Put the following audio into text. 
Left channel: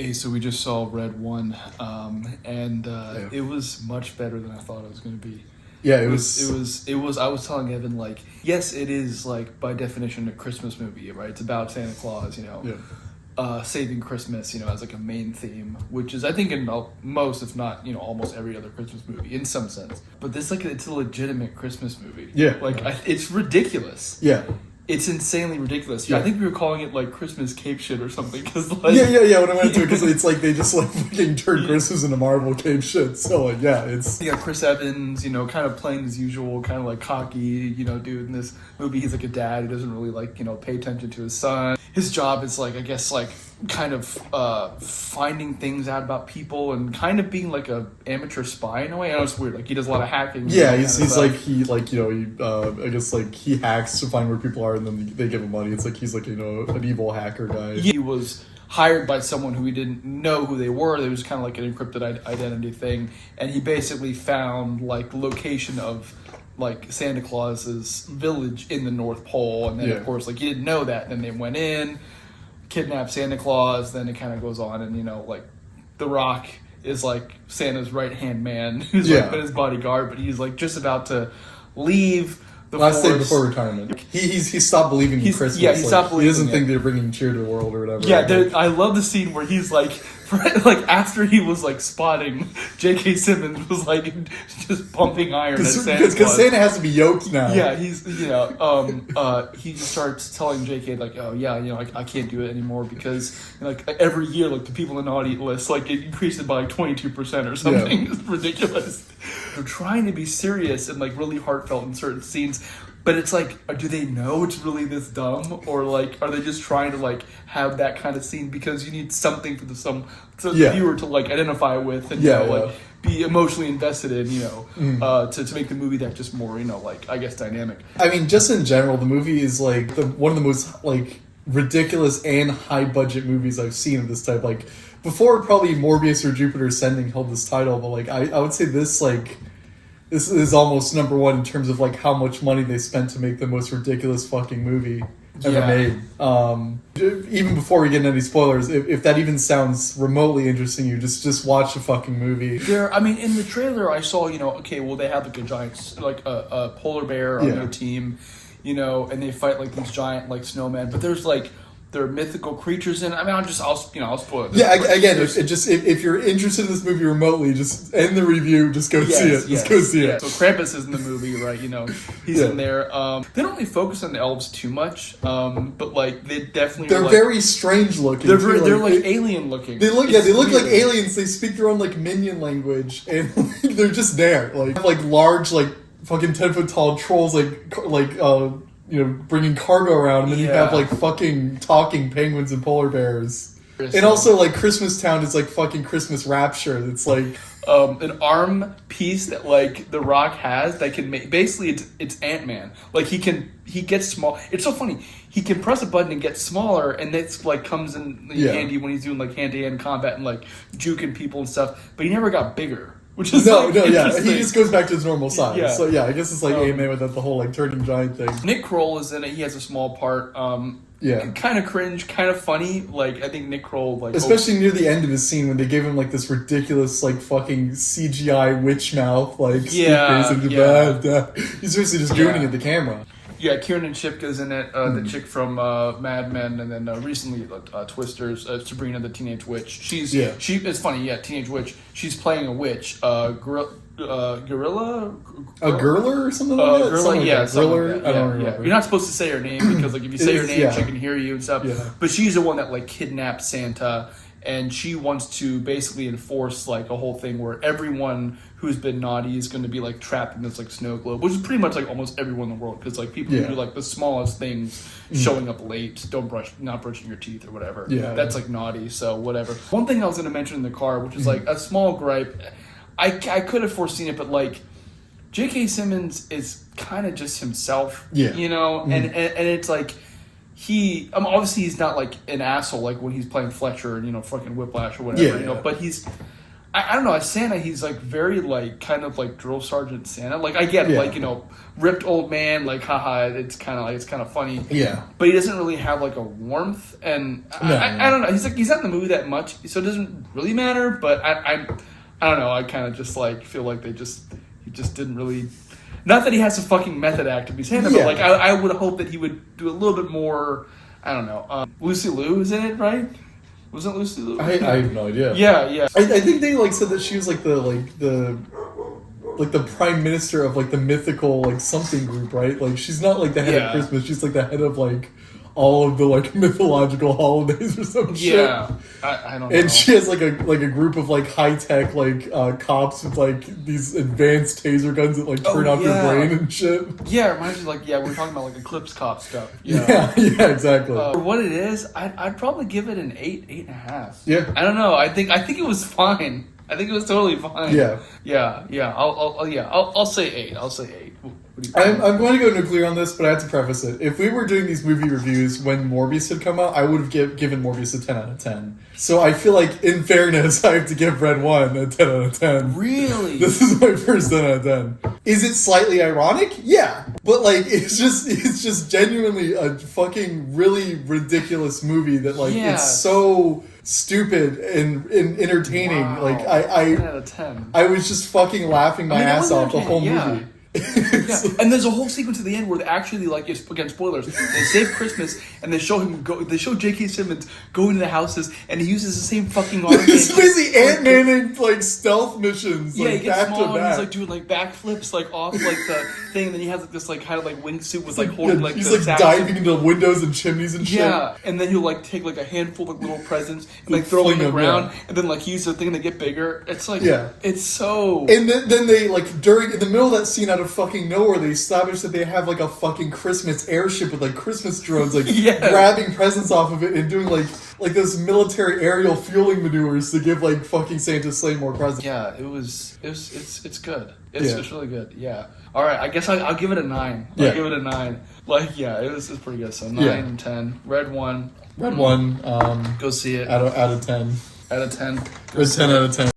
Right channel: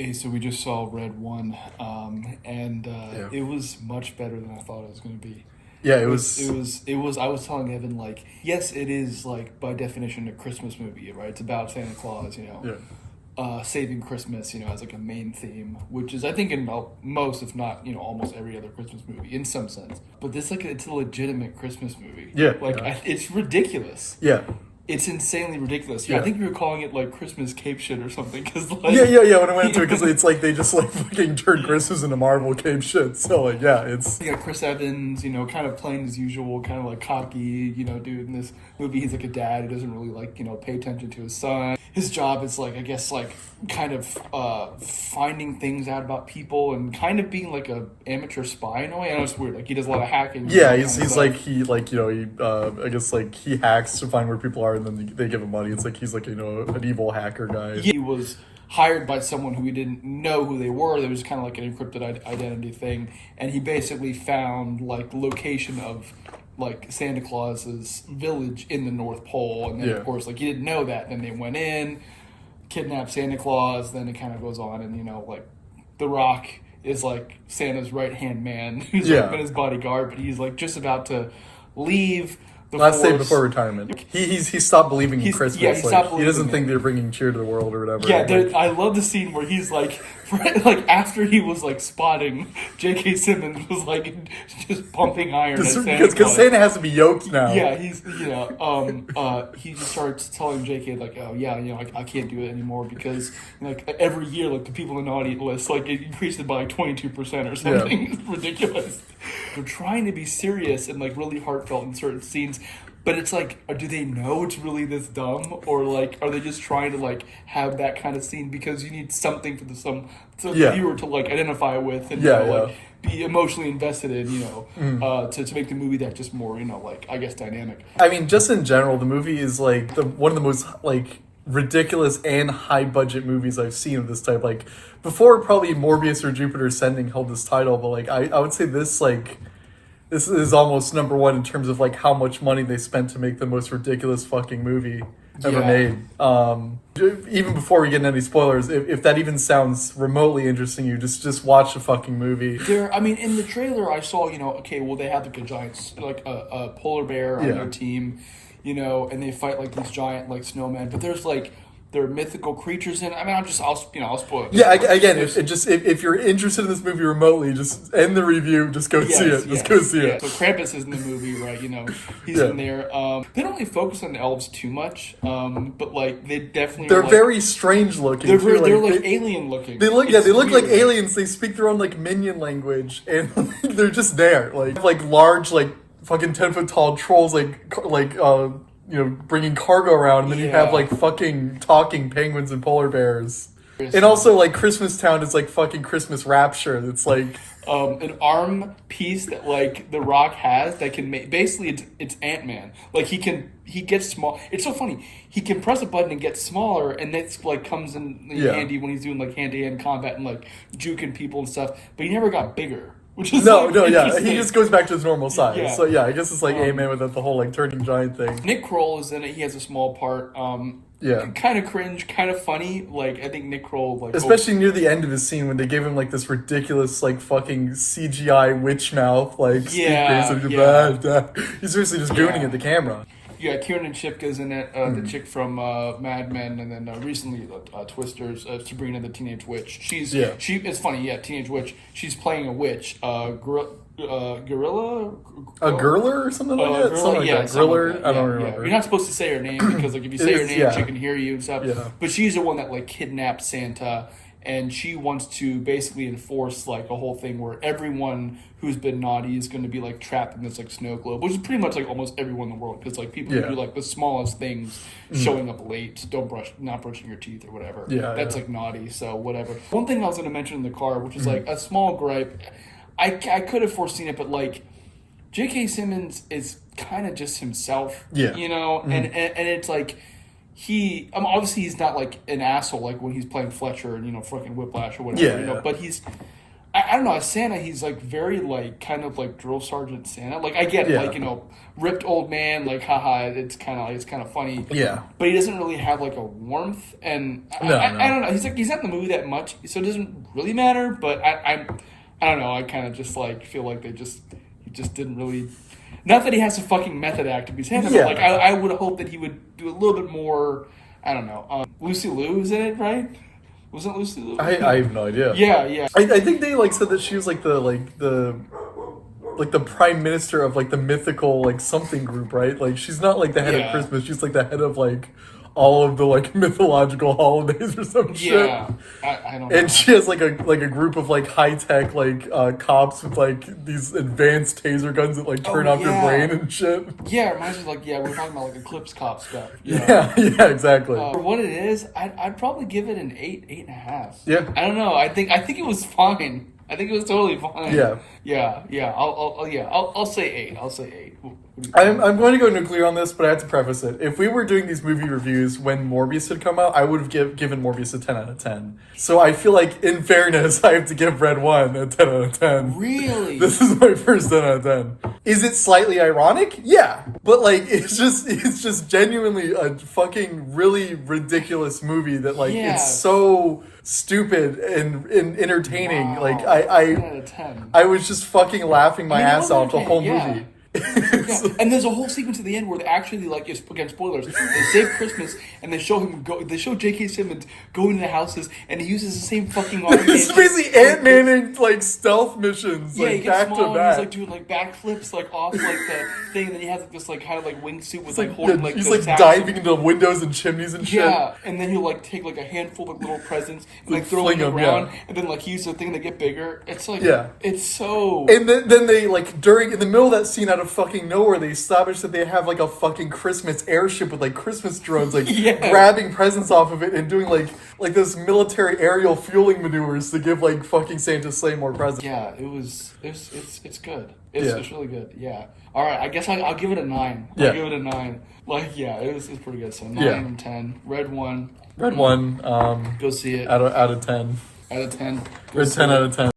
Hey, so we just saw Red One, and Yeah. it was much better than I thought it was going to be. Yeah, It was. I was telling Evan, like, yes, it is, like, by definition a Christmas movie, right? It's about Santa Claus, saving Christmas, as like a main theme, which is, I think, in most, if not, almost every other Christmas movie in some sense. But this, like, it's a legitimate Christmas movie. Yeah. Like, it's ridiculous. Yeah. It's insanely ridiculous. Yeah. I think we were calling it, like, Christmas cape shit or something, because, like... Yeah, when I went into it, because it's like they just, like, fucking turned Christmas into Marvel cape shit, so, like, yeah, it's... You got Chris Evans, kind of playing his usual, kind of, like, cocky, dude in this movie. He's, like, a dad who doesn't really, like, pay attention to his son. His job is, like, I guess, like, kind of finding things out about people and kind of being, like, a amateur spy in a way. I know it's weird. Like, he does a lot of hacking. Yeah, he's like, I guess, like, he hacks to find where people are and then they give him money. It's like he's, like, an evil hacker guy. He was hired by someone who he didn't know who they were. It was kind of like an encrypted identity thing. And he basically found, like, the location of, like, Santa Claus's village in the North Pole. And then, of course, like, he didn't know that. And then they went in, kidnapped Santa Claus. Then it kind of goes on. And, like, The Rock is, like, Santa's right-hand man. Who's, like, been his bodyguard. But he's, like, just about to leave the last force. day before retirement. He stopped believing in Christmas. Yeah, he stopped believing He doesn't it. think they're bringing cheer to the world or whatever. Yeah, I love the scene where he's like, like after he was like spotting J.K. Simmons was like just pumping iron at Santa Claus. Because Santa has to be yoked now. Yeah, he's he just starts telling J.K. like, oh yeah, I can't do it anymore because like every year like the people in the naughty list like it increases by like 22% or something. Yeah. It's ridiculous. They're trying to be serious and like really heartfelt in certain scenes. But it's like, do they know it's really this dumb? Or, like, are they just trying to, like, have that kind of scene because you need something for the viewer to, like, identify with and, like, be emotionally invested in, to make the movie that just more, like, I guess, dynamic. I mean, just in general, the movie is, like, one of the most, like, ridiculous and high-budget movies I've seen of this type. Like, before probably Morbius or Jupiter Ascending held this title, but, like, I would say this, like... This is almost number one in terms of, like, how much money they spent to make the most ridiculous fucking movie ever made. Even before we get into any spoilers, if that even sounds remotely interesting, you just watch the fucking movie. In the trailer, I saw, they have, like, a giant, like, a polar bear on their team, and they fight, like, these giant, like, snowmen. But there's, like... There are mythical creatures in. I mean, I'll spoil it. Yeah, again, if you're interested in this movie remotely, just end the review. Just go see it. Just go see it. So Krampus is in the movie, right? He's in there. They don't really focus on the elves too much, but like they definitely they're very strange looking. They're like alien looking. They look like aliens. They speak their own like minion language, and they're just there, like large, like fucking 10-foot tall trolls, bringing cargo around, and then you have, like, fucking talking penguins and polar bears. And also, like, Christmas Town is, like, fucking Christmas Rapture. It's, like... an arm piece that, like, The Rock has that can make... Basically, it's Ant-Man. Like, he gets small. It's so funny. He can press a button and get smaller, and that's, like, comes in handy when he's doing, like, hand-to-hand combat and, like, juking people and stuff. But he never got bigger. Which is he just goes back to his normal size. Yeah. So I guess it's like Ant-Man with the whole like turning giant thing. Nick Kroll is in it. He has a small part. Kind of cringe, kind of funny. Like I think Nick Kroll, like especially near the end of his scene when they gave him like this ridiculous like fucking CGI witch mouth. Like he's seriously just gooning at the camera. Yeah, Kiernan Shipka's in it, the chick from Mad Men, and then recently Twisters, Sabrina the Teenage Witch. It's funny, Teenage Witch. She's playing a witch, gorilla, a girler or something like that. Griller. I don't remember. You're not supposed to say her name because like if you say her name, she can hear you and stuff. Yeah. But she's the one that like kidnapped Santa, and she wants to basically enforce like a whole thing where everyone who's been naughty is going to be like trapped in this like snow globe, which is pretty much like almost everyone in the world because like people who do like the smallest things, showing up late, not brushing your teeth or whatever. That's like naughty. So whatever. One thing I was going to mention in the car, which is like a small gripe, I could have foreseen it, but like J.K. Simmons is kind of just himself, and it's like. Obviously he's not like an asshole like when he's playing Fletcher and fucking Whiplash or whatever, but he's I don't know. As Santa, he's like very like kind of like drill sergeant Santa. Like I get like ripped old man. Like haha, it's kind of funny. Yeah, but he doesn't really have like a warmth, and I don't know. He's not in the movie that much, so it doesn't really matter. But I don't know. I kind of just like feel like he just didn't really. Not that he has a fucking method act to be Santa, but like I would hope that he would do a little bit more. I don't know. Lucy Liu is in it, right? Wasn't Lucy Liu? I have no idea. Yeah. I think they like said that she was like the prime minister of like the mythical like something group, right? Like she's not like the head of Christmas. She's like the head of like all of the like mythological holidays or some shit. Yeah, I don't know. And she has like a group of like high tech like cops with like these advanced taser guns that like turn off your brain and shit. Yeah, it reminds me like we're talking about like Eclipse Cop stuff. Yeah, exactly. For what it is, I'd probably give it an 8.5. Yeah, I don't know. I think it was fine. I think it was totally fine. Yeah. I'll say 8. I'll say 8. I'm going to go nuclear on this, but I have to preface it. If we were doing these movie reviews when Morbius had come out, I would have given Morbius a 10 out of 10. So I feel like, in fairness, I have to give Red 1 a 10 out of 10. Really? This is my first 10 out of 10. Is it slightly ironic? Yeah. But, like, it's just genuinely a fucking really ridiculous movie that, like, it's so stupid and entertaining. Wow. Like, 10 out of 10. I was just fucking laughing my ass off the whole movie. And there's a whole sequence at the end where they actually, like, again, spoilers, they save Christmas and they show J.K. Simmons going to the houses and he uses the same fucking arm. He's busy Ant-Man like stealth missions. Yeah, like, he gets back small to and back. he's like doing like backflips like off like the thing, and then he has like this like kind of like wingsuit with like holding like he's the like sacks diving into windows and chimneys and shit. Yeah, and then he'll like take like a handful of little presents and like throw them on the ground, and then like use the thing to get bigger. It's like it's so. And then they like in the middle of that scene out of fucking nowhere, they establish that they have like a fucking Christmas airship with like Christmas drones like grabbing presents off of it and doing like those military aerial fueling maneuvers to give like fucking Santa's sleigh more presents. Yeah, it's good. It's really good. Yeah. All right, I guess I'll give it a 9. I'll give it a 9. Like it was pretty good. So 9 and 10. Red 1. Red 1. Go see it. Out of 10. Out of 10. Red 10 out of 10.